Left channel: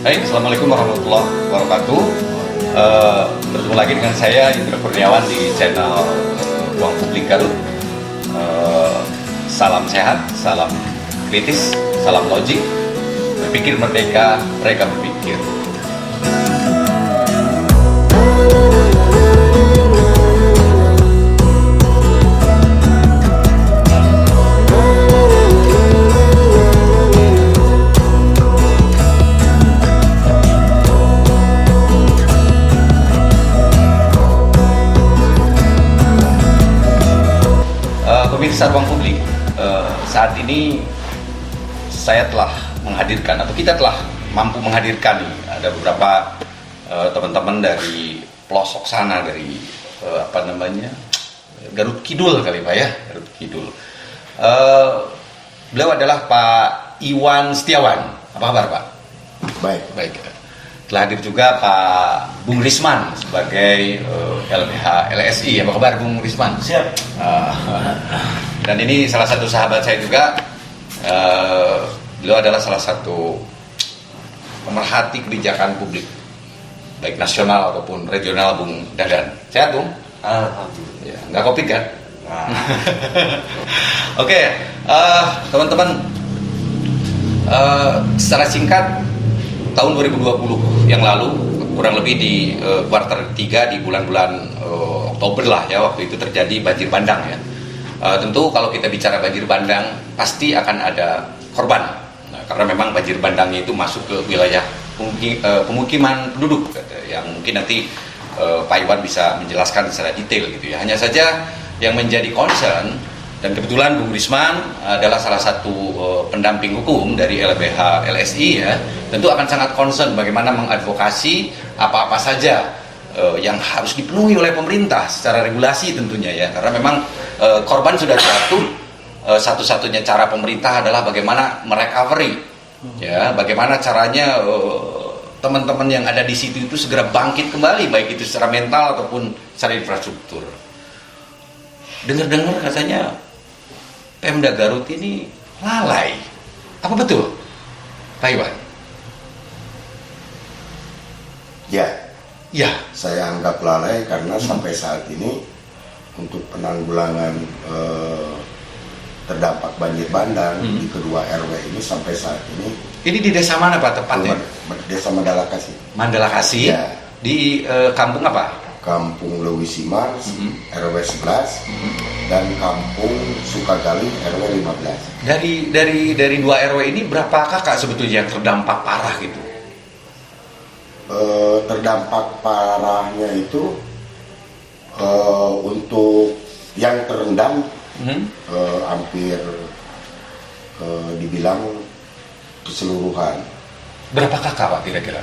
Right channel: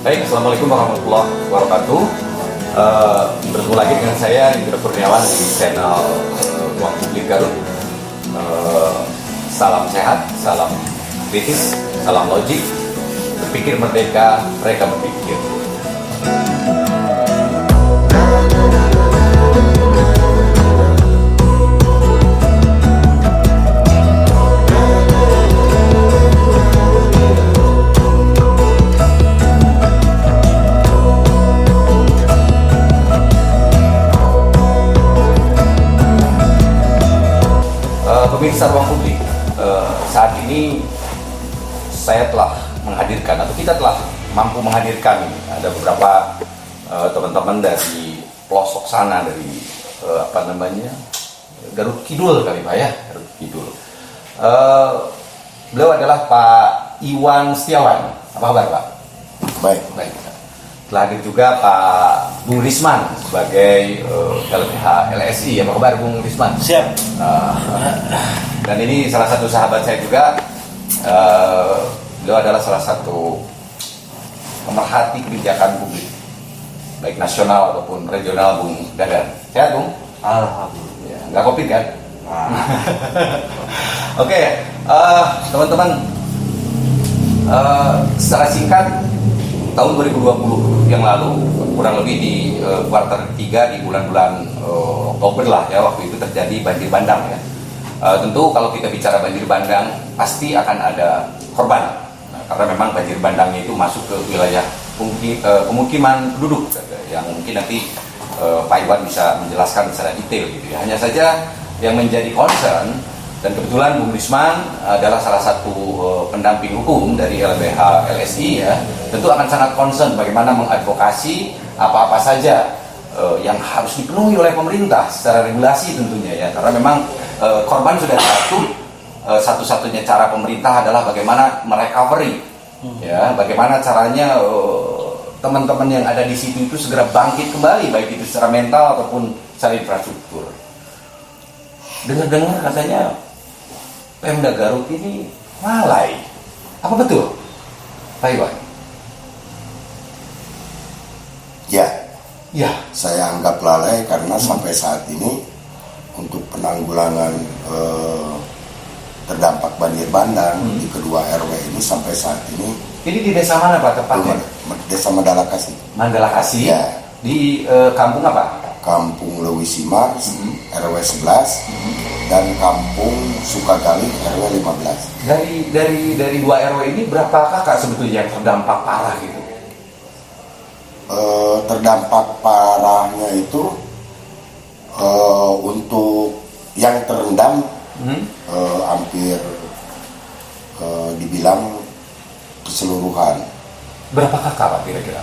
Baik, Assalamualaikum warahmatullahi wabarakatuh. Bertemu lagi dengan saya, Indra Kurniawan di channel Ruang Publik Garut. Salam sehat, salam kritis, salam logik. Berpikir merdeka, mereka berpikir. Pemirsa Ruang Publik, saat ini saya telah menghadirkan atau kita telah mampu menghadirkan ada beberapa teman-teman dari pelosok sana, dari Garut Kidul kali Pak ya, Garut Kidul. Beliau adalah Pak Iwan Setiawan. Apa kabar Pak? Baik. Baik. Telah hadir juga Pak Bung Risman sebagai LBH LSI. Apa kabar Bung Risman? Siap. Dan ini salah satu sahabat saya juga. Beliau adalah salah satu pemerhati kebijakan publik, baik nasional ataupun regional, Bung Dadan. Sehat Bung? Alhamdulillah. Ya, nggak kopi kan? Oke, teman-teman, secara singkat, tahun 2020 yang lalu, kurang lebih di kuartal 3 di bulan-bulan Oktober lah ya, waktu itu terjadi banjir bandang ya. Tentu kalau kita bicara banjir bandang pasti akan ada korban. Nah, karena memang banjir bandangnya itu masuk ke wilayah pemukiman penduduk yang mungkin nanti Pak Iwan bisa menjelaskan secara detail gitu ya. Hanya saja yang menjadi concern, dan kebetulan Bung Risman adalah salah satu pendamping hukum dari LBH LSI ya, tentu akan sangat concern bagaimana mengadvokasi apa-apa saja yang harus dipenuhi oleh pemerintah secara regulasi tentunya ya, karena memang korban sudah jatuh, satu-satunya cara pemerintah adalah bagaimana merecovery ya, bagaimana caranya teman-teman yang ada di situ itu segera bangkit kembali, baik itu secara mental ataupun secara infrastruktur. Dengar-dengar katanya Pemda Garut ini lalai. Apa betul, Pak Iwan? Ya, Ya. saya anggap lalai karena sampai saat ini untuk penanggulangan terdampak banjir bandang di kedua RW ini sampai saat ini. Ini di desa mana Pak tepatnya? Desa Mandala Kasih. Mandala Kasih. Ya. Di kampung apa? Kampung Lewisimar RW 11 dan Kampung Sukagali RW 15. Dari dua RW ini berapa kakak sebetulnya yang terdampak parah gitu? Terdampak parahnya itu untuk yang terendam hampir dibilang keseluruhan. Berapa kakak Pak kira-kira?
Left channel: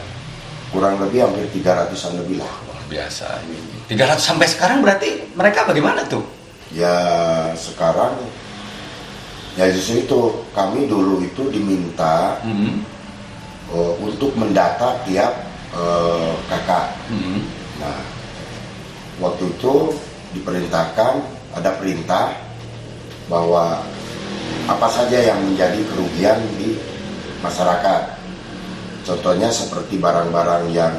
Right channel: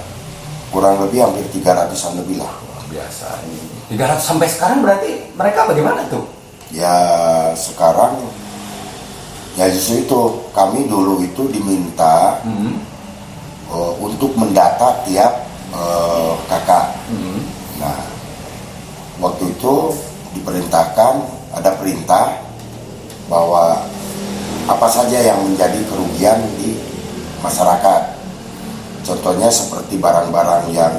Kurang lebih hampir 300-an lebih lah. Biasa. 300 sampai sekarang berarti mereka bagaimana tuh? Ya sekarang ya justru itu kami dulu itu diminta untuk mendata tiap kakak. Nah waktu itu diperintahkan, ada perintah bahwa apa saja yang menjadi kerugian di masyarakat. Contohnya seperti barang-barang yang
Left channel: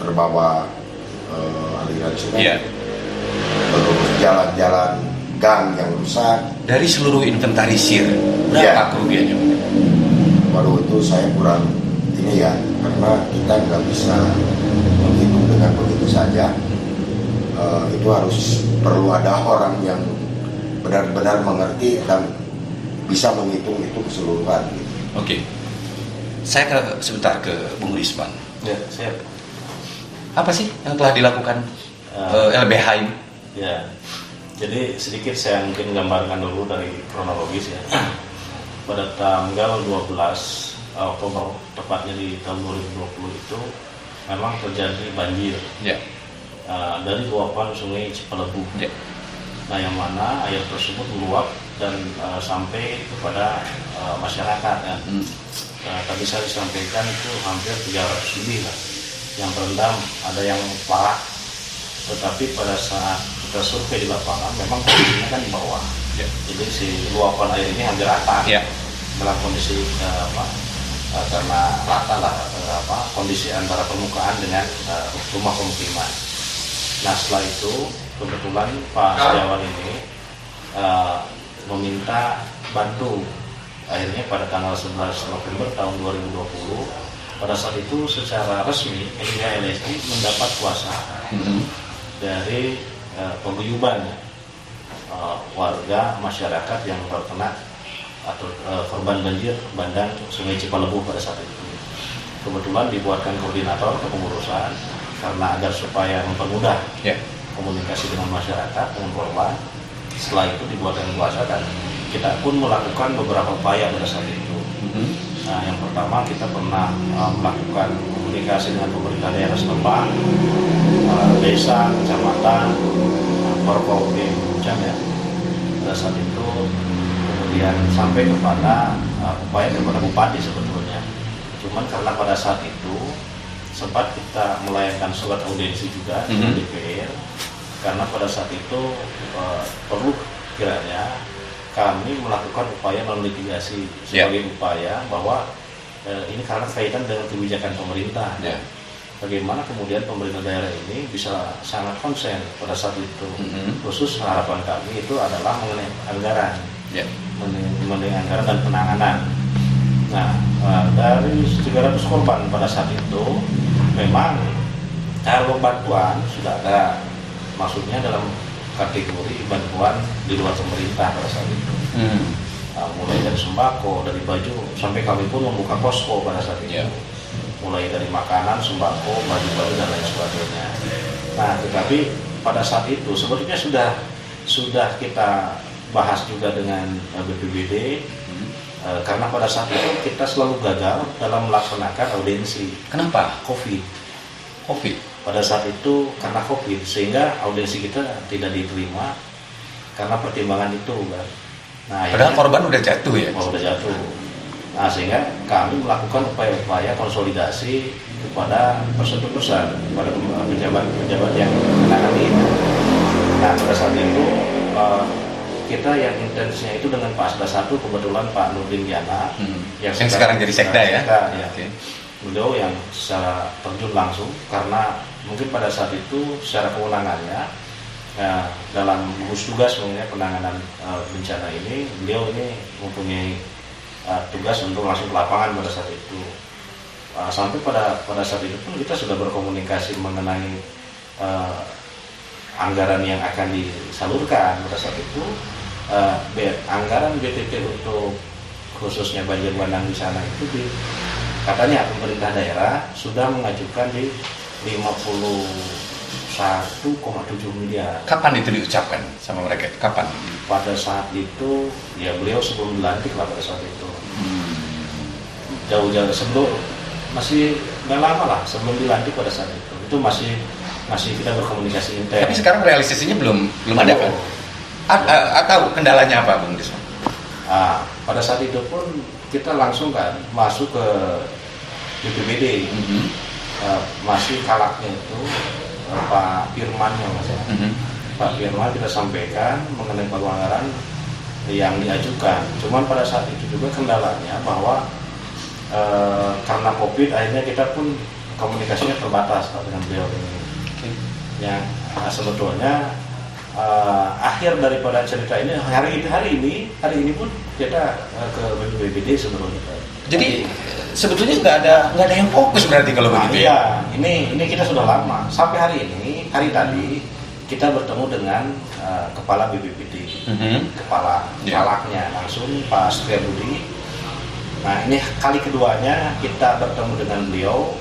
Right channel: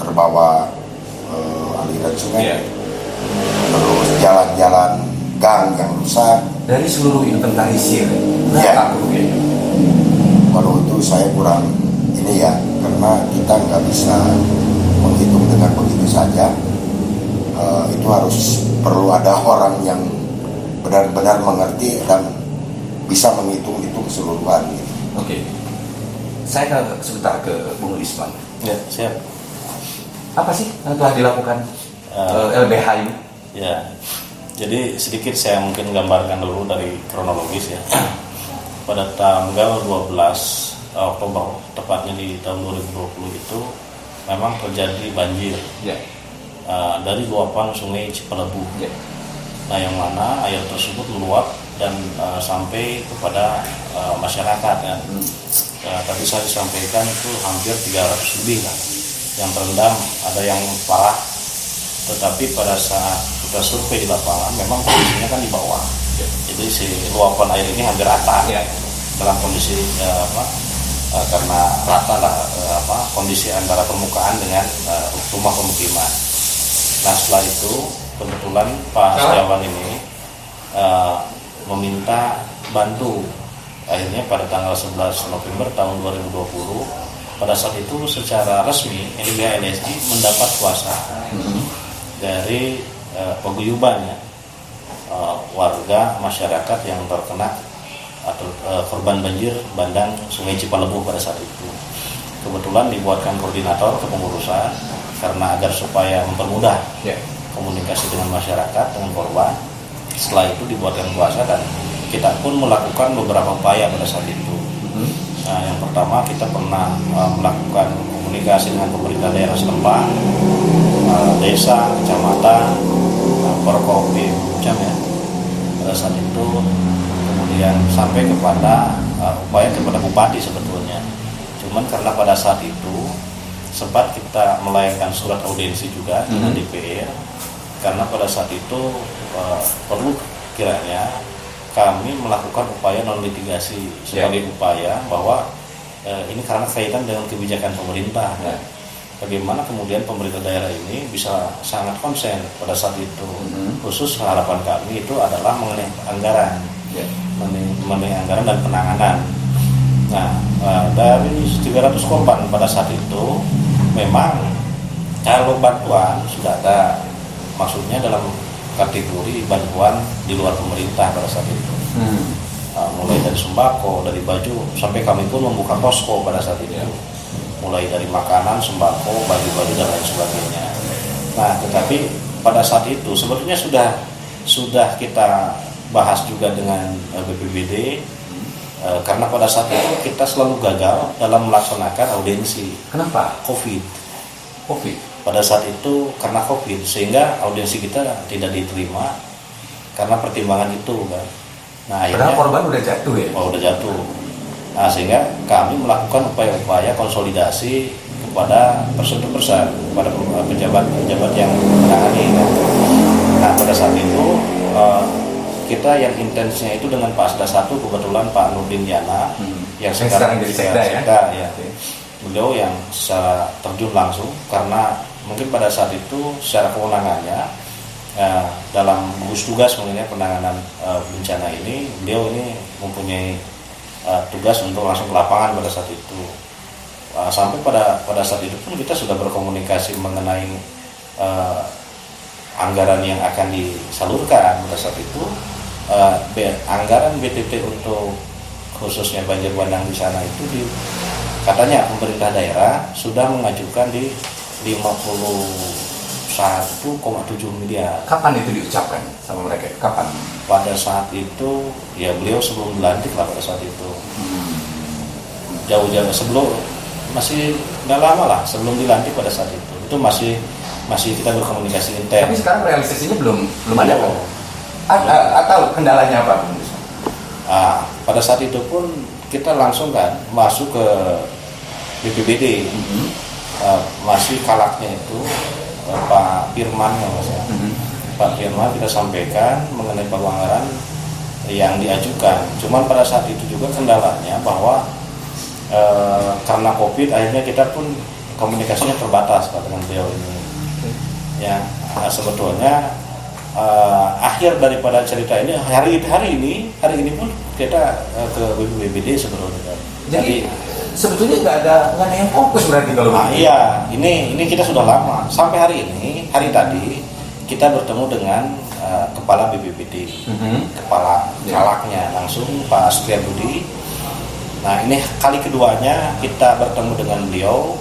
terbawa aliran sungai, terus jalan-jalan gang yang rusak. Dari seluruh inventarisir berapa Ya. kerugiannya? Waduh itu saya kurang ini ya, karena kita nggak bisa menghitung dengan begitu saja. Itu harus perlu ada orang yang benar-benar mengerti dan bisa menghitung itu keseluruhan. Gitu. Oke. Saya sebentar ke Bung Risman. Ya, siap. Apa sih yang telah dilakukan LBH ini? Ya, jadi sedikit saya mungkin gambarkan dulu dari kronologis ya. Pada tanggal 12 Oktober, tepatnya di tahun 2020 itu memang terjadi banjir Ya. dari luapan sungai Cipelebu. Ya. Nah, yang mana air tersebut meluap dan sampai kepada masyarakat kan. Tadi saya sampaikan itu hampir 300 lebih lah yang terendam, ada yang parah. Tetapi pada saat kita survei di lapangan memang kondisinya kan di bawah. Jadi si luapan air ini hampir rata dalam kondisi karena rata lah kondisi antara permukaan dengan rumah pemukiman. Nah setelah itu kebetulan Pak Setiawan ini meminta bantu. Akhirnya pada tanggal 11 November tahun 2020 pada saat itu secara resmi LSG mendapat kuasa dari paguyuban warga masyarakat yang terkena atau korban banjir bandang Sungai Cipalebuh pada saat itu. Kebetulan dibuatkan koordinator kepengurusan karena agar supaya mempermudah komunikasi dengan masyarakat, dengan korban. Setelah itu dibuatkan kuasa dan kita pun melakukan beberapa upaya pada saat itu. Nah, yang pertama kita pernah melakukan komunikasi dengan pemerintah daerah setempat, desa, kecamatan, Forkopim, ya. Pada saat itu kemudian sampai kepada upaya kepada bupati sebetulnya. Cuman karena pada saat itu sempat kita melayangkan surat audiensi juga dengan DPR, karena pada saat itu perlu kiranya kami melakukan upaya non litigasi sebagai upaya bahwa ini karena kaitan dengan kebijakan pemerintah. Bagaimana kemudian pemerintah daerah ini bisa sangat konsen pada saat itu. Khusus harapan kami itu adalah mengenai anggaran, mengenai anggaran dan penanganan. Nah, dari 300 korban pada saat itu memang kalau bantuan sudah ada, maksudnya dalam kategori bantuan di luar pemerintah pada saat itu. Mulai dari sembako, dari baju, sampai kami pun membuka posko pada saat itu. Mulai dari makanan, sembako, baju-baju dan lain sebagainya. Nah, tetapi pada saat itu sebetulnya sudah kita bahas juga dengan BPBD, karena pada saat itu kita selalu gagal dalam melaksanakan audiensi. Kenapa? COVID. Pada saat itu karena COVID, sehingga audiensi kita tidak diterima karena pertimbangan itu kan. Nah, padahal korban udah jatuh ya? Udah jatuh. Nah, sehingga kami melakukan upaya-upaya konsolidasi kepada person-person, kepada pejabat-pejabat yang menangani. Nah, pada saat itu kita yang intensnya itu dengan Pak Asda 1, kebetulan Pak Nurdin Yana yang sekarang jadi sekda ya? Okay. Beliau yang secara terjun langsung, karena mungkin pada saat itu secara kewenangannya dalam gugus tugas mengenai penanganan bencana ini, beliau ini mempunyai tugas untuk langsung ke lapangan pada saat itu. Sampai pada saat itu pun kita sudah berkomunikasi mengenai anggaran yang akan disalurkan pada saat itu. Anggaran BTT untuk khususnya banjir bandang di sana itu katanya pemerintah daerah sudah mengajukan di 51,7 miliar. Kapan itu diucapkan sama mereka? Kapan? Pada saat itu ya beliau sebelum dilantik lah pada saat itu. Jauh-jauh sebelum, masih nggak lama lah sebelum dilantik pada saat itu masih kita berkomunikasi intens. Tapi sekarang realisasinya belum ada kan? Atau kendalanya apa Bung Desmond? Pada saat itu pun kita langsung kan masuk ke BPBD. Masih kalaknya itu Pak Firman Pak Firman kita sampaikan mengenai anggaran yang diajukan. Cuman pada saat itu juga kendalanya bahwa karena COVID akhirnya kita pun komunikasinya terbatas dengan beliau ini. Yang sebetulnya akhir daripada cerita ini hari ini pun kita ke BPBD sebetulnya. Jadi sebetulnya nggak ada yang fokus berarti kalau begitu. Iya, ini kita sudah lama. Sampai hari tadi kita bertemu dengan kepala BPBD, kepala kalaknya langsung Pak Setiabudi. Nah, ini kali keduanya kita bertemu dengan beliau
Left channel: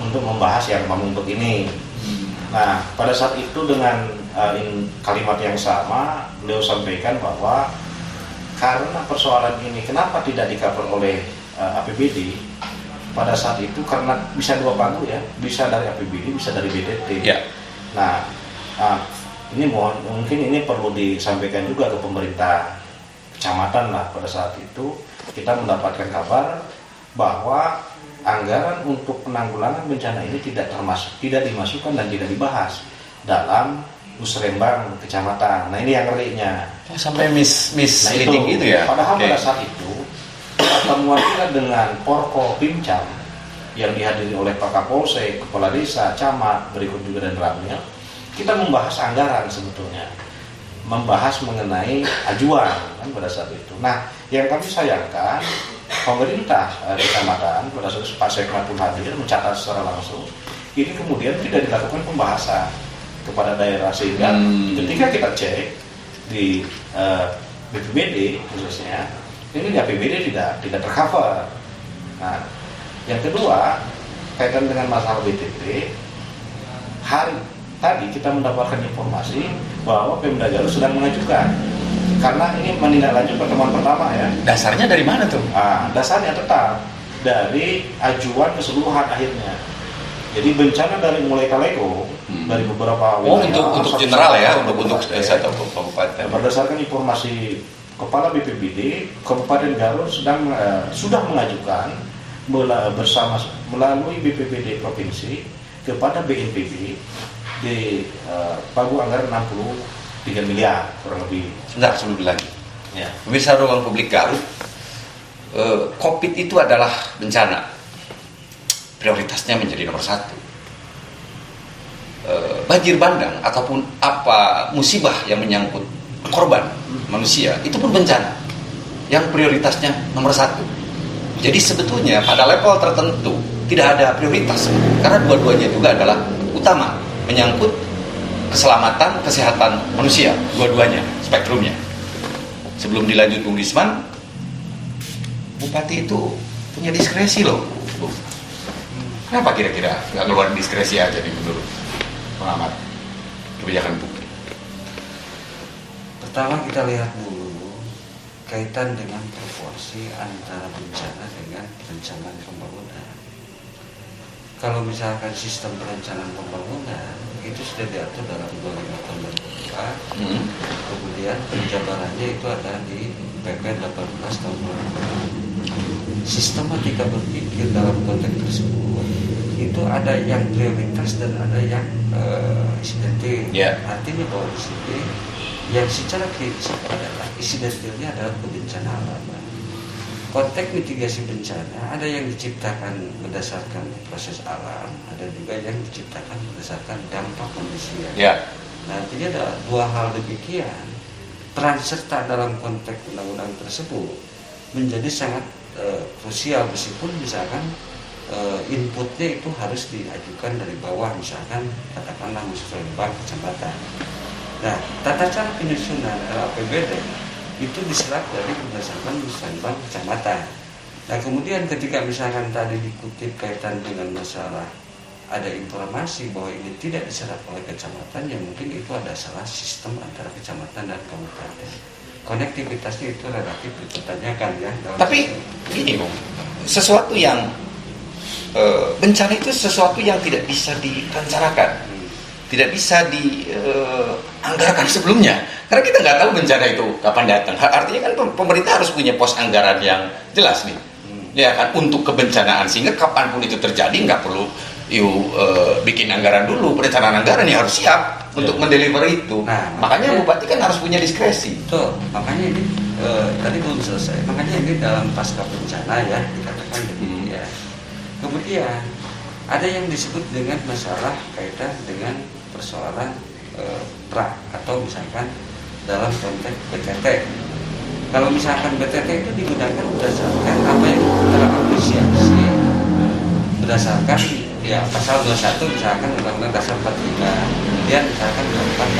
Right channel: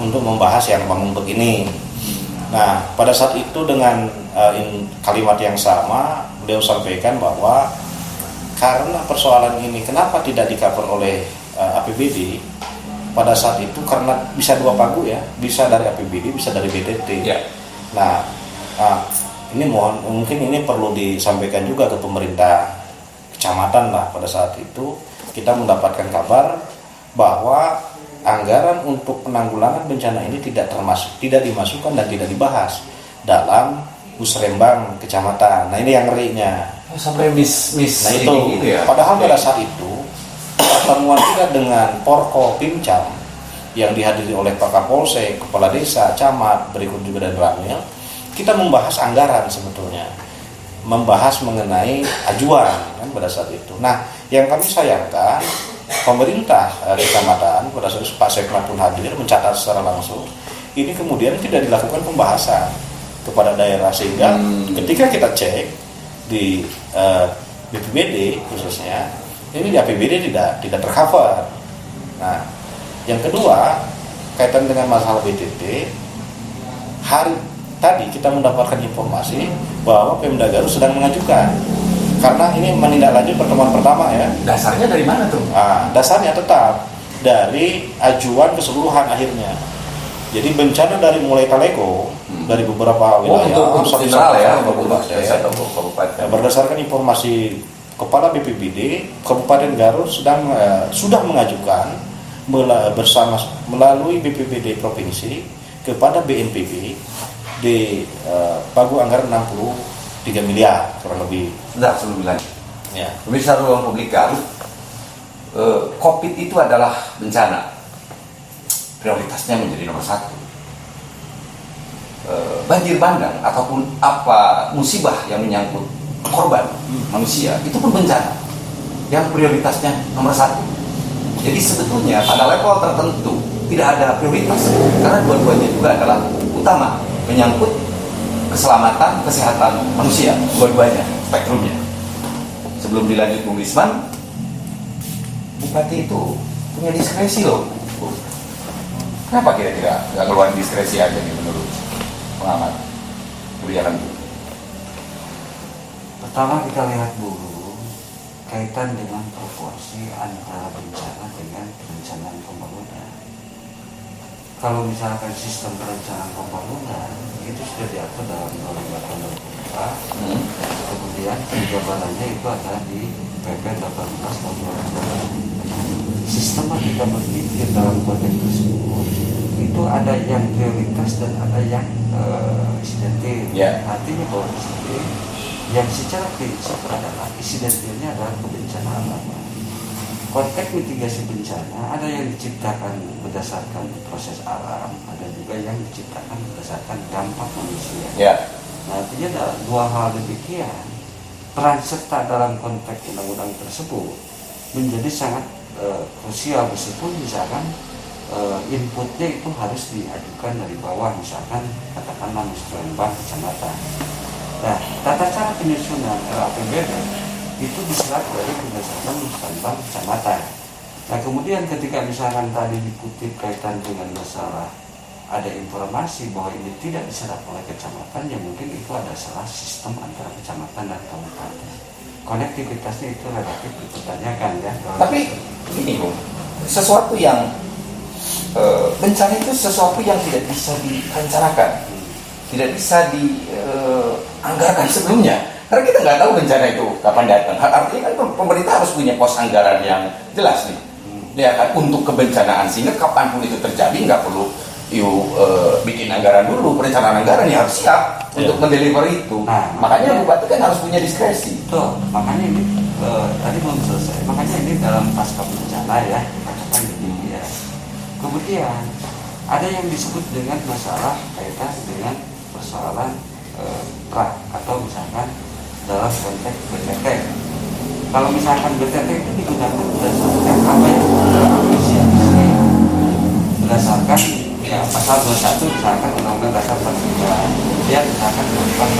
untuk membahas yang ngomong begini. Nah, pada saat itu dengan kalimat yang sama beliau sampaikan bahwa karena persoalan ini kenapa tidak di-cover oleh APBD pada saat itu, karena bisa dua pagu ya, bisa dari APBD, bisa dari BTT. Nah, ini mungkin ini perlu disampaikan juga ke pemerintah kecamatan lah. Pada saat itu kita mendapatkan kabar bahwa anggaran untuk penanggulangan bencana ini tidak dimasukkan dan tidak dibahas dalam Musrembang kecamatan. Nah, ini yang ngerinya. Sampai miss nah, itu gitu ya. Padahal pada saat itu pertemuan kita dengan Porko Pimcam yang dihadiri oleh Pak Kapolsek, Kepala Desa, Camat, berikut juga dan Ramil, kita membahas anggaran sebetulnya, membahas mengenai ajuan kan pada saat itu. Nah, yang kami sayangkan pemerintah kecamatan pada saat itu Pak Sekmat pun hadir mencatat secara langsung, ini kemudian tidak dilakukan pembahasan kepada daerah, sehingga ketika kita cek di BPBD khususnya, ini di APBD tidak tercover. Nah, yang kedua, kaitan dengan masalah BTT, hari tadi kita mendapatkan informasi bahwa Pemda Garut sedang mengajukan, karena ini menindaklanjuti pertemuan pertama ya. Dasarnya dari mana tuh? Dasarnya tetap dari ajuan keseluruhan akhirnya. Jadi bencana dari mulai Talego, dari beberapa wilayah, untuk general ya, untuk desa atau kabupaten. Berdasarkan informasi Kepala BPBD, Kabupaten Garut sudah mengajukan melalui BPBD Provinsi kepada BNPB di pagu anggaran 63 miliar kurang lebih. Sebentar sebelum dilanjut. Ya. Pemirsa Ruang Publik Garut, COVID itu adalah bencana. Prioritasnya menjadi nomor 1. Banjir bandang ataupun apa musibah yang menyangkut korban manusia itu pun bencana yang prioritasnya nomor 1. Jadi sebetulnya pada level tertentu tidak ada prioritas, karena dua-duanya juga adalah utama, menyangkut keselamatan, kesehatan manusia, dua-duanya, spektrumnya. Sebelum dilanjut Bung Lisman, Bupati itu punya diskresi loh. Kenapa kira-kira nggak keluar diskresi aja nih menurut pengamat kebijakan publik? Pertama kita lihat dulu kaitan dengan proporsi antara bencana dengan perencanaan pembangunan. Kalau misalkan sistem perencanaan pembangunan itu sudah diatur dalam 25 tahun 2004, kemudian penjabarannya itu ada di PP 18 tahun 2020. Sistematika berpikir dalam konteks tersebut itu ada yang prioritas dan ada yang insidentil. Artinya bahwa di sini yang secara prinsip adalah insidentilnya adalah kebencanaan alam. Konteks mitigasi bencana ada yang diciptakan berdasarkan proses alam, ada juga yang diciptakan berdasarkan dampak manusia. Nah, artinya ada dua hal demikian. Peran serta dalam konteks undang-undang tersebut menjadi sangat krusial, meskipun misalkan inputnya itu harus diajukan dari bawah, misalkan katakanlah musrenbang kecamatan. Nah, tata cara penyusunan RAPBD itu diserap dari berdasarkan musrenbang kecamatan. Nah, kemudian ketika misalkan tadi dikutip kaitan dengan masalah ada informasi bahwa ini tidak diserap oleh kecamatan, ya mungkin itu ada salah sistem antara kecamatan dan kabupaten. Konektivitasnya itu relatif dipertanyakan ya. Tapi ini Bung, sesuatu yang bencana itu sesuatu yang tidak bisa direncanakan, tidak bisa dianggarkan sebelumnya, karena kita nggak tahu bencana itu kapan datang. Artinya kan pemerintah harus punya pos anggaran yang jelas nih, ya kan, untuk kebencanaan, sehingga kapanpun itu terjadi nggak perlu bikin anggaran dulu, perencanaan anggaran ya harus siap untuk mendeliver itu. Nah, makanya bupati kan harus punya diskresi. Betul, makanya ini tadi belum selesai. Makanya ini dalam pasca bencana ya dikatakan begini ya. Kemudian ada yang disebut dengan masalah kaitan dengan persoalan pra atau misalkan dalam konteks BTT. Kalau misalkan BTT itu digunakan berdasarkan apa yang apresiasi berdasarkan ya pasal 21 misalkan Undang-Undang Dasar 45, kemudian misalkan tentang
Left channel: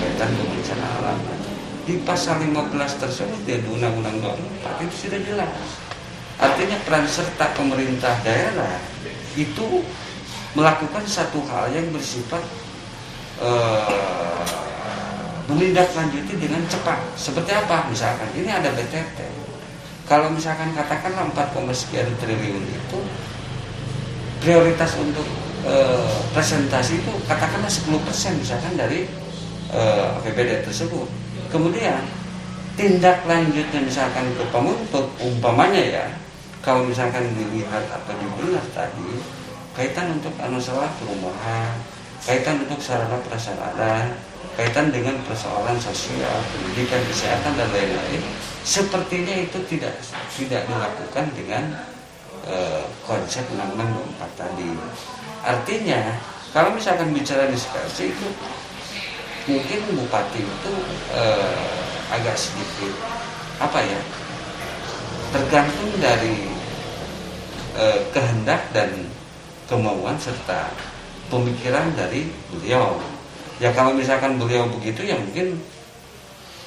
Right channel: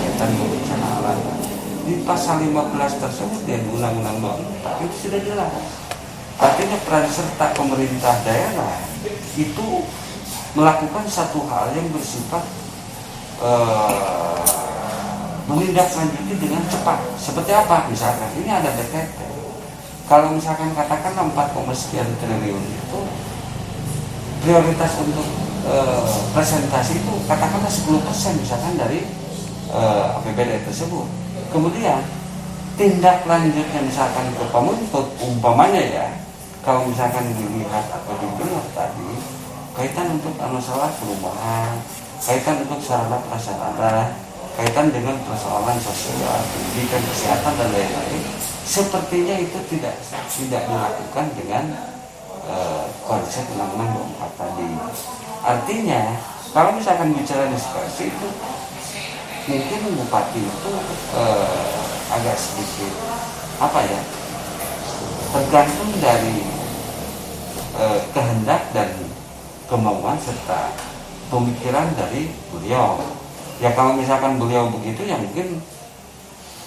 kaitan bencana alam. Di pasal 15 tersebut ya di Undang-Undang 24 itu sudah jelas. Artinya peran serta pemerintah daerah itu melakukan satu hal yang bersifat menindaklanjuti dengan cepat. Seperti apa? Misalkan ini ada BTT. Kalau misalkan katakanlah 4, sekian triliun itu prioritas untuk presentasi itu katakanlah 10% misalkan dari APBD tersebut. Kemudian tindak lanjutnya misalkan ke penuntut umpamanya ya, kalau misalkan dilihat atau dibelah tadi kaitan untuk masalah perumahan, kaitan untuk sarana prasarana, kaitan dengan persoalan sosial, pendidikan, kesehatan dan lain-lain, sepertinya itu tidak dilakukan dengan konsep Undang-Undang 24 tadi. Artinya kalau misalkan bicara diskresi itu mungkin bupati itu agak sedikit apa ya, tergantung dari kehendak dan kemauan serta pemikiran dari beliau. Ya kalau misalkan beliau begitu ya mungkin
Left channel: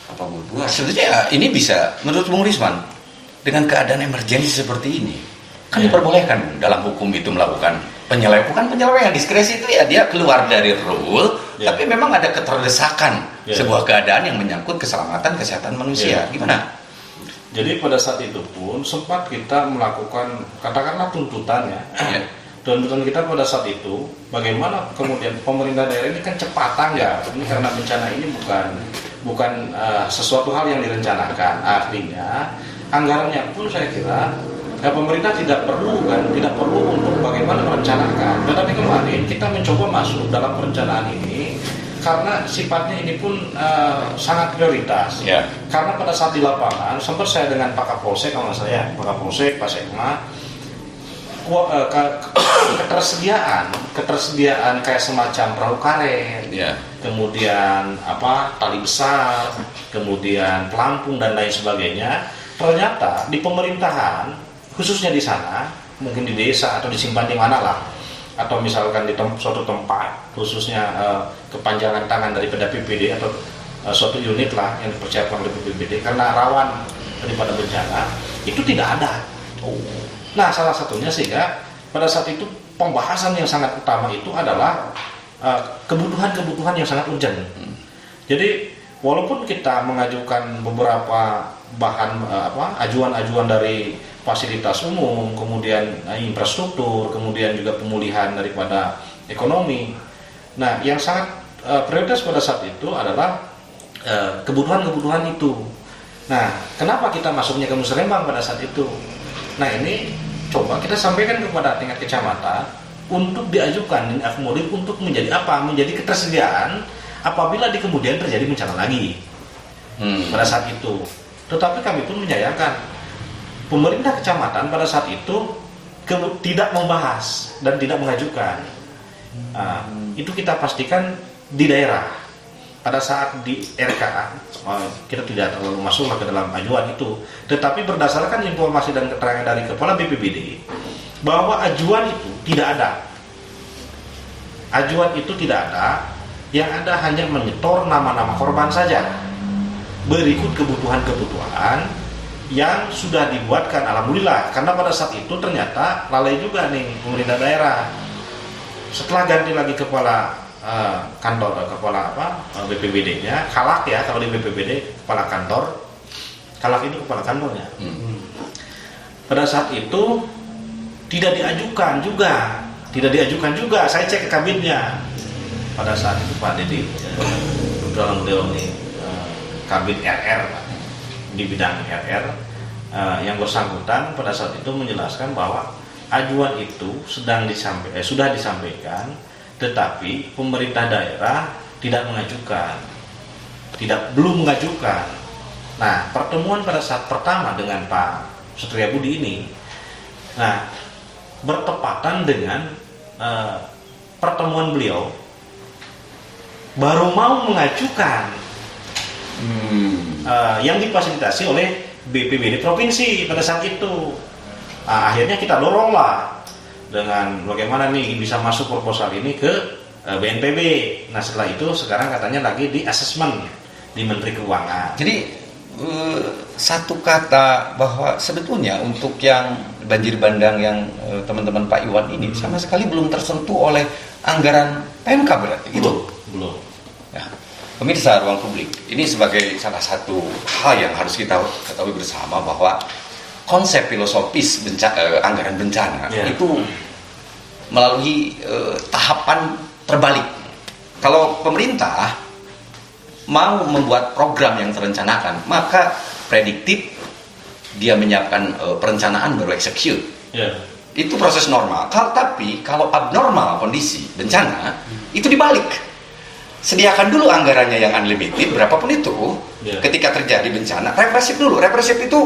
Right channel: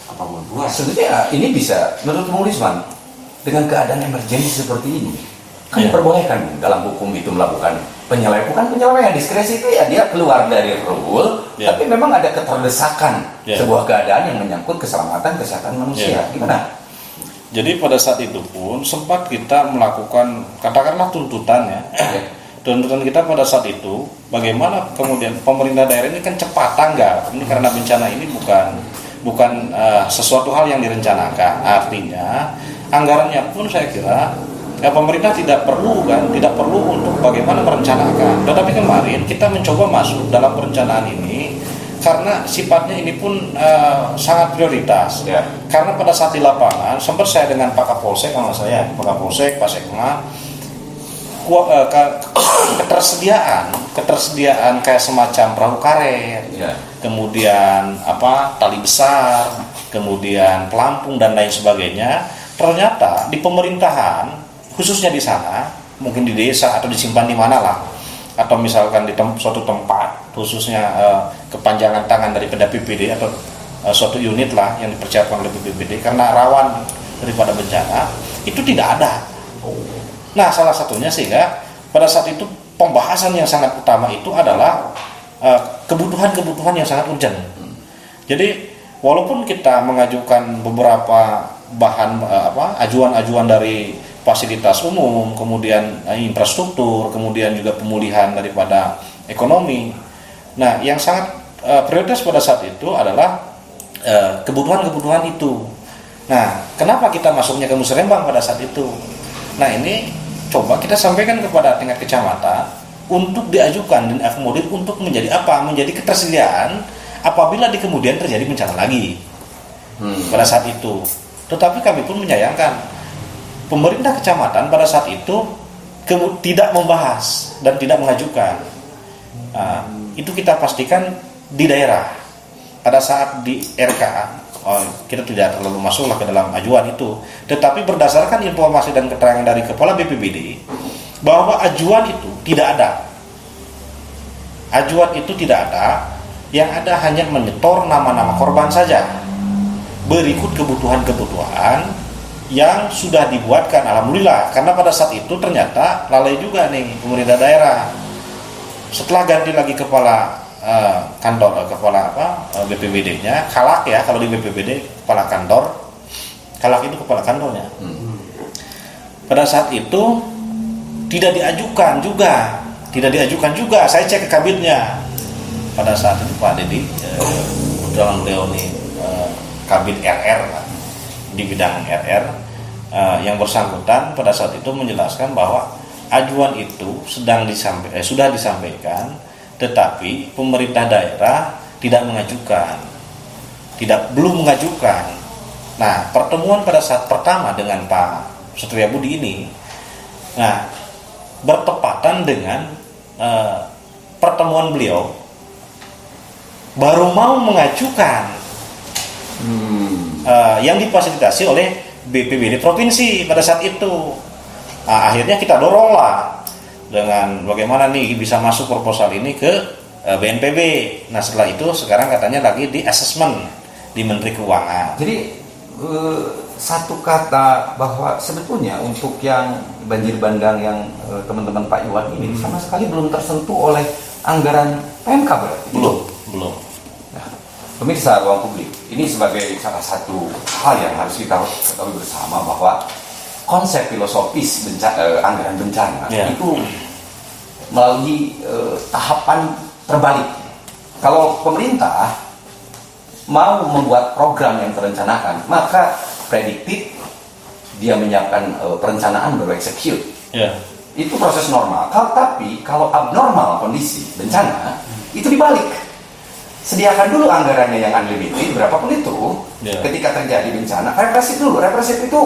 apa membuat. Sebetulnya ini bisa, menurut Bung Risman, dengan keadaan emergensi seperti ini, kan diperbolehkan dalam hukum itu melakukan penyelewengan. Bukan penyelewengan, diskresi itu ya dia keluar dari rule, tapi memang ada keterdesakan sebuah keadaan yang menyangkut keselamatan kesehatan manusia. Gimana? Jadi pada saat itu pun sempat kita melakukan katakanlah tuntutan ya. Tuntutan kita pada saat itu bagaimana kemudian pemerintah daerah ini kan cepat tanggap. Ini karena bencana ini bukan sesuatu hal yang direncanakan. Artinya anggarannya pun saya kira pemerintah tidak perlu untuk bagaimana merencanakan. Tetapi kemarin kita mencoba masuk dalam perencanaan ini karena sifatnya ini pun sangat prioritas. Karena pada saat di lapangan sempat saya dengan Pak Kapolsek, Pak Sekma, ketersediaan kayak semacam perahu karet, kemudian tali besar, kemudian pelampung dan lain sebagainya. Ternyata di pemerintahan, khususnya di sana, mungkin di desa atau disimpan di mana lah, atau misalkan di suatu tempat, khususnya kepanjangan tangan daripada BPBD atau suatu unit lah yang dipersiapkan oleh BPBD karena rawan daripada bencana, itu tidak ada. Nah, salah satunya sehingga pada saat itu pembahasan yang sangat utama itu adalah kebutuhan-kebutuhan yang sangat urgent. Jadi walaupun kita mengajukan beberapa bahan ajuan-ajuan dari fasilitas umum, kemudian infrastruktur, kemudian juga pemulihan daripada ekonomi. Nah, yang sangat prioritas pada saat itu adalah kebutuhan-kebutuhan itu. Nah, kenapa kita masuknya ke musrembang pada saat itu? Nah, ini coba kita sampaikan kepada tingkat kecamatan untuk diajukan dan akomodir untuk menjadi apa? Menjadi ketersediaan apabila di kemudian terjadi bencana lagi pada saat itu. Tetapi kami pun menyayangkan pemerintah kecamatan pada saat itu tidak membahas dan tidak mengajukan. Nah, itu kita pastikan di daerah. Pada saat di RK, kita tidak terlalu masuklah ke dalam ajuan itu. Tetapi berdasarkan informasi dan keterangan dari Kepala BPBD, bahwa ajuan itu tidak ada. Ajuan itu tidak ada, yang ada hanya menyetor nama-nama korban saja. Berikut kebutuhan-kebutuhan yang sudah dibuatkan, alhamdulillah, karena pada saat itu ternyata lalai juga nih pemerintah daerah. Setelah ganti lagi kepala BPBD-nya, Kalak ya, kalau di BPBD kepala kantor, Kalak itu kepala kantornya. Pada saat itu tidak diajukan juga, saya cek ke kabinnya. Pada saat itu Pak Dedi, kebetulan beliau ini kabin RR Pak, di bidang RR, yang bersangkutan pada saat itu menjelaskan bahwa ajuan itu sudah disampaikan, tetapi pemerintah daerah belum mengajukan. Nah, pertemuan pada saat pertama dengan Pak Setriabudi ini, nah bertepatan dengan pertemuan beliau baru mau mengajukan yang difasilitasi oleh BPBD provinsi pada saat itu. Nah, akhirnya kita doronglah dengan bagaimana nih bisa masuk proposal ini ke BNPB. Nah, setelah itu sekarang katanya lagi di assessment di Menteri Keuangan. Jadi satu kata bahwa sebetulnya untuk yang banjir bandang yang teman-teman Pak Iwan ini sama sekali belum tersentuh oleh anggaran PMK berarti. Belum. Nah, pemirsa Ruang Publik, ini sebagai salah satu hal yang harus kita ketahui bersama bahwa konsep filosofis anggaran bencana itu melalui tahapan terbalik. Kalau pemerintah mau membuat program yang terencanakan, maka prediktif dia menyiapkan perencanaan baru execute. Itu proses normal. Tapi kalau abnormal kondisi bencana, itu dibalik. Sediakan dulu anggarannya yang unlimited berapapun itu. Ketika terjadi bencana, represif dulu. Represif itu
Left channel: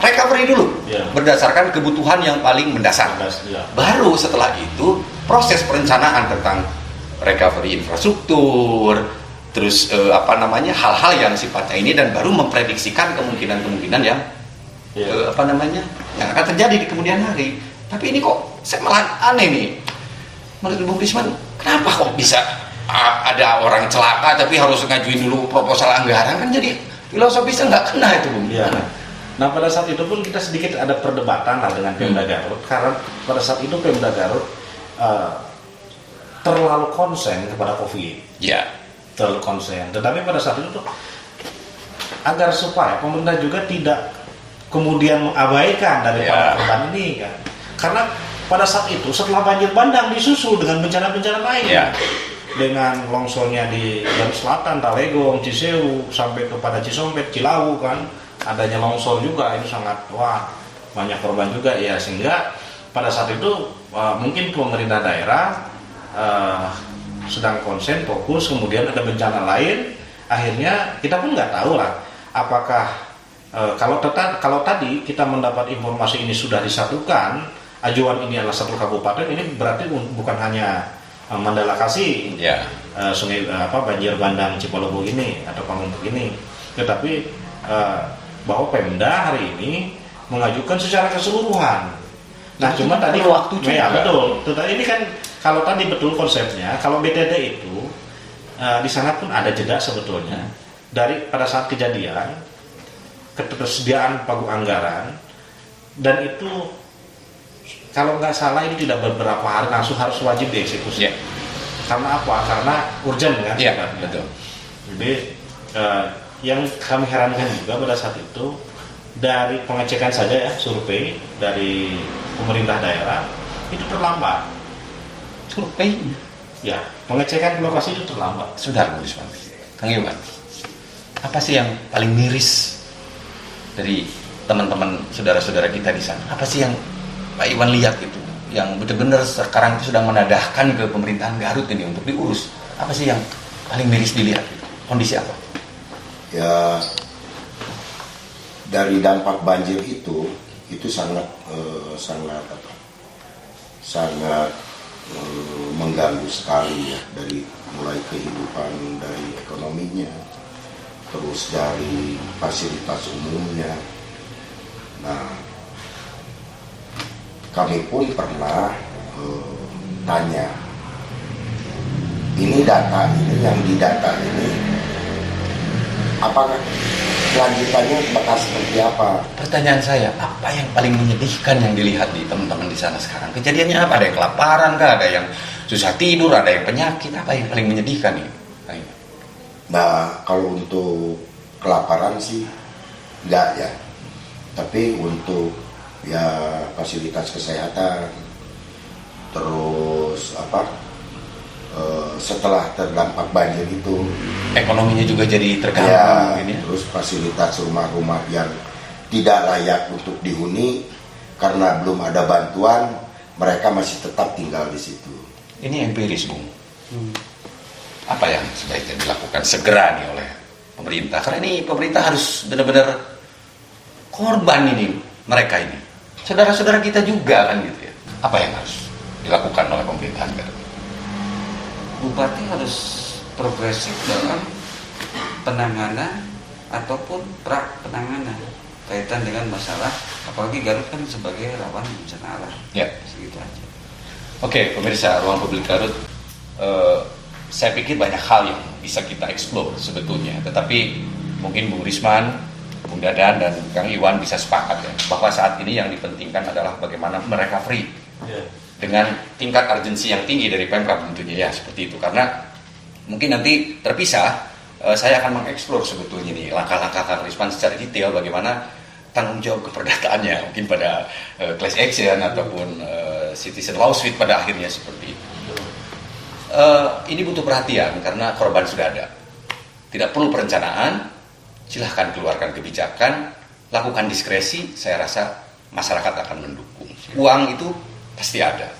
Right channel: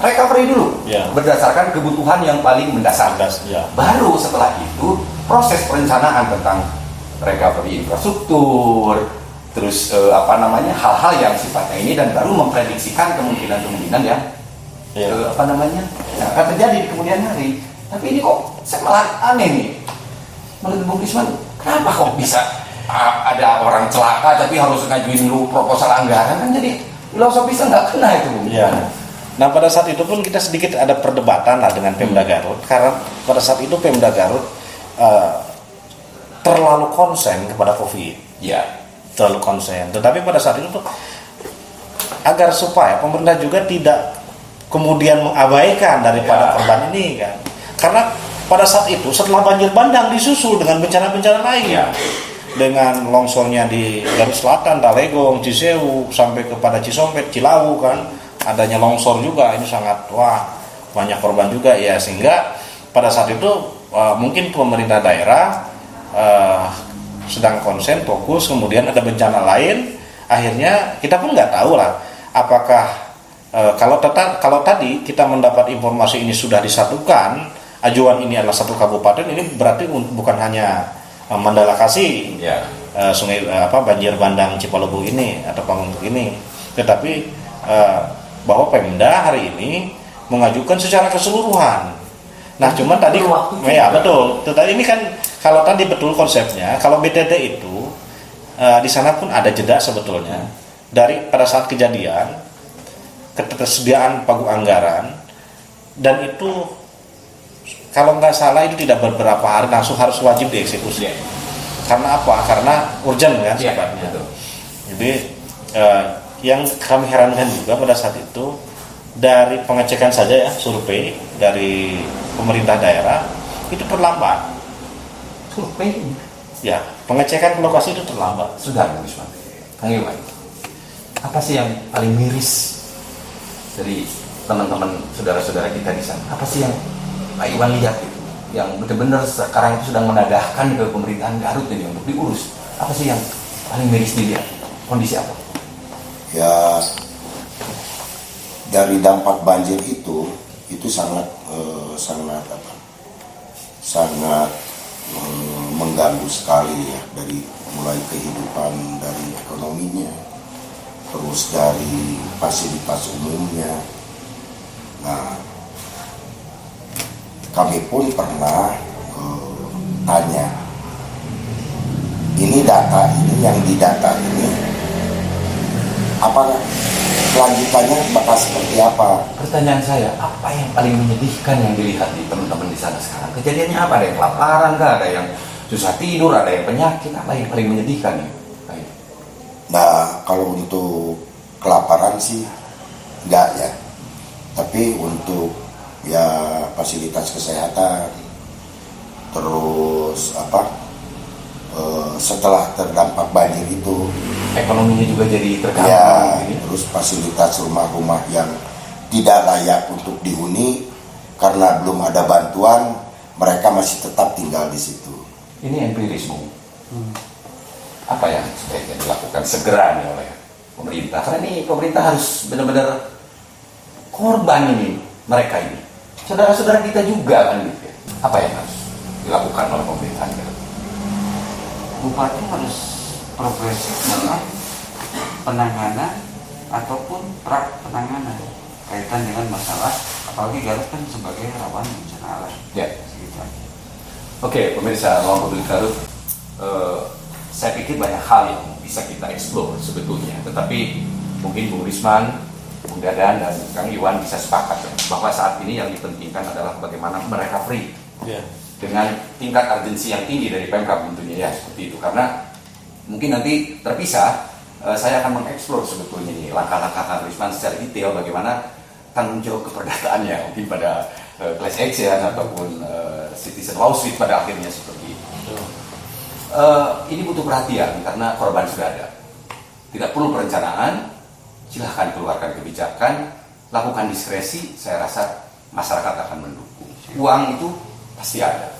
recovery dulu, Ya. berdasarkan kebutuhan yang paling mendasar. Ya. Baru setelah itu proses perencanaan tentang recovery infrastruktur, terus hal-hal yang sifatnya ini, dan baru memprediksikan kemungkinan-kemungkinan yang Ya. yang akan terjadi di kemudian hari. Tapi ini kok saya malah aneh nih, menurut Bung Risman, kenapa kok bisa ada orang celaka tapi harus ngajuin dulu proposal anggaran, kan jadi filosofisnya nggak kena itu, Bung. Ya. Nah pada saat itu pun kita sedikit ada perdebatan lah dengan Pemda Garut, karena pada saat itu Pemda Garut terlalu konsen kepada COVID, Ya, terlalu konsen. Tetapi pada saat itu tuh agar supaya pemerintah juga tidak kemudian mengabaikan daripada Ya. korban ini kan, karena pada saat itu setelah banjir bandang disusul dengan bencana-bencana lain. Ya. Dengan longsornya di Garut Selatan, Talegong, Cisewu, sampai kepada Cisompet, Cilawu kan, adanya longsor juga, ini sangat banyak korban juga ya, sehingga pada saat itu mungkin pemerintah daerah sedang konsen fokus, kemudian ada bencana lain, akhirnya kita pun nggak tahu lah apakah kalau tadi kita mendapat informasi ini sudah disatukan, ajuan ini adalah satu kabupaten, ini berarti bukan hanya Mandala Kasih, ya, sungai banjir bandang Cipalobo ini atau Panguntuk ini, tetapi bahwa Pemda hari ini mengajukan secara keseluruhan. Nah, cuma tadi waktu ya juga. betul. Tetapi ini kan kalau tadi betul konsepnya, kalau BTT itu di sana pun ada jeda sebetulnya dari pada saat kejadian, ketersediaan pagu anggaran, dan itu kalau nggak salah ini tidak beberapa hari langsung harus wajib dieksekusi. Ya. Karena apa? Karena urgent kan Ya, sifatnya. betul. Jadi yang kami herankan juga pada saat itu, dari pengecekan saja ya, survei dari pemerintah daerah itu terlambat. Survei Ya, pengecekan ke lokasi itu terlambat. sudah, Bung Risman. Kang Iwan, apa sih yang paling miris dari teman-teman saudara-saudara kita di sana? Apa sih yang Pak Iwan lihat itu, yang benar-benar sekarang itu sedang menadahkan ke pemerintahan Garut ini untuk diurus? Apa sih yang paling miris dilihat? Kondisi apa? Ya, dari dampak banjir itu sangat mengganggu sekali ya, dari mulai kehidupan, dari ekonominya, terus dari fasilitas umumnya. Nah, kami pun pernah tanya, ini data ini yang didata ini apakah kelanjutannya bakal seperti apa? Pertanyaan saya, apa yang paling menyedihkan yang dilihat di teman-teman di sana sekarang? Kejadiannya apa? Ada yang kelaparan kah? Ada yang susah tidur? Ada yang penyakit? Apa yang paling menyedihkan nih, Pak Iwan? Nah, kalau untuk kelaparan sih enggak ya, tapi untuk ya fasilitas kesehatan, terus setelah terdampak banjir itu Ekonominya juga jadi terganggu. ya, mungkin ya. terus fasilitas rumah-rumah yang tidak layak untuk dihuni karena belum ada bantuan, mereka masih tetap tinggal di situ. Ini empiris, Bung. Apa yang sebaiknya dilakukan segera nih oleh pemerintah? Karena ini pemerintah harus benar-benar korban ini, mereka ini. Saudara-saudara kita juga kan gitu ya. Apa yang harus dilakukan oleh pemerintahan Garut? Bupati harus progresif dalam penanganan ataupun penanganan kaitan dengan masalah, apalagi Garut kan sebagai rawan bencana alam. Ya. Segitu aja. Oke, pemirsa Ruang Publik Garut, saya pikir banyak hal yang bisa kita eksplor sebetulnya. Tetapi mungkin Bung Risman, Bung Dadan, dan Kang Iwan bisa sepakat ya, bahwa saat ini yang dipentingkan adalah bagaimana mereka free Ya. dengan tingkat urgensi yang tinggi dari Pemkab tentunya ya, seperti itu. Karena mungkin nanti terpisah, saya akan mengeksplor sebetulnya nih langkah-langkah Kang Risman secara detail bagaimana tanggung jawab keperdataannya mungkin pada class action ataupun citizen lawsuit pada akhirnya seperti itu. Ini butuh perhatian karena korban sudah ada. Tidak perlu perencanaan, silahkan keluarkan kebijakan, lakukan diskresi, saya rasa masyarakat akan mendukung. Uang itu pasti ada.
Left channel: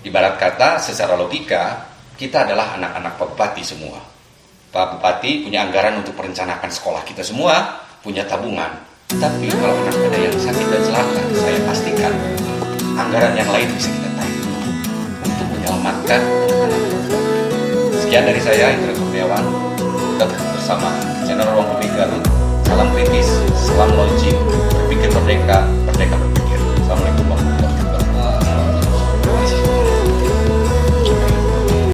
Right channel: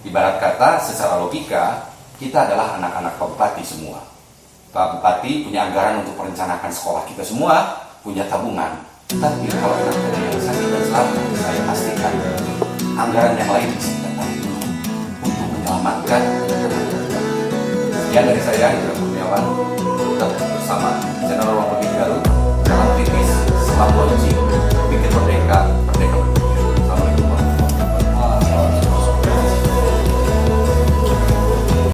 Ibarat kata, secara logika, kita adalah anak-anak Pak Bupati semua. Pak Bupati punya anggaran untuk merencanakan sekolah kita semua, punya tabungan. Tapi kalau memang ada yang sakit dan selatan, saya pastikan anggaran yang lain bisa kita tarik untuk menyelamatkan. Sekian dari saya, Indra Kurniawan, tetap bersama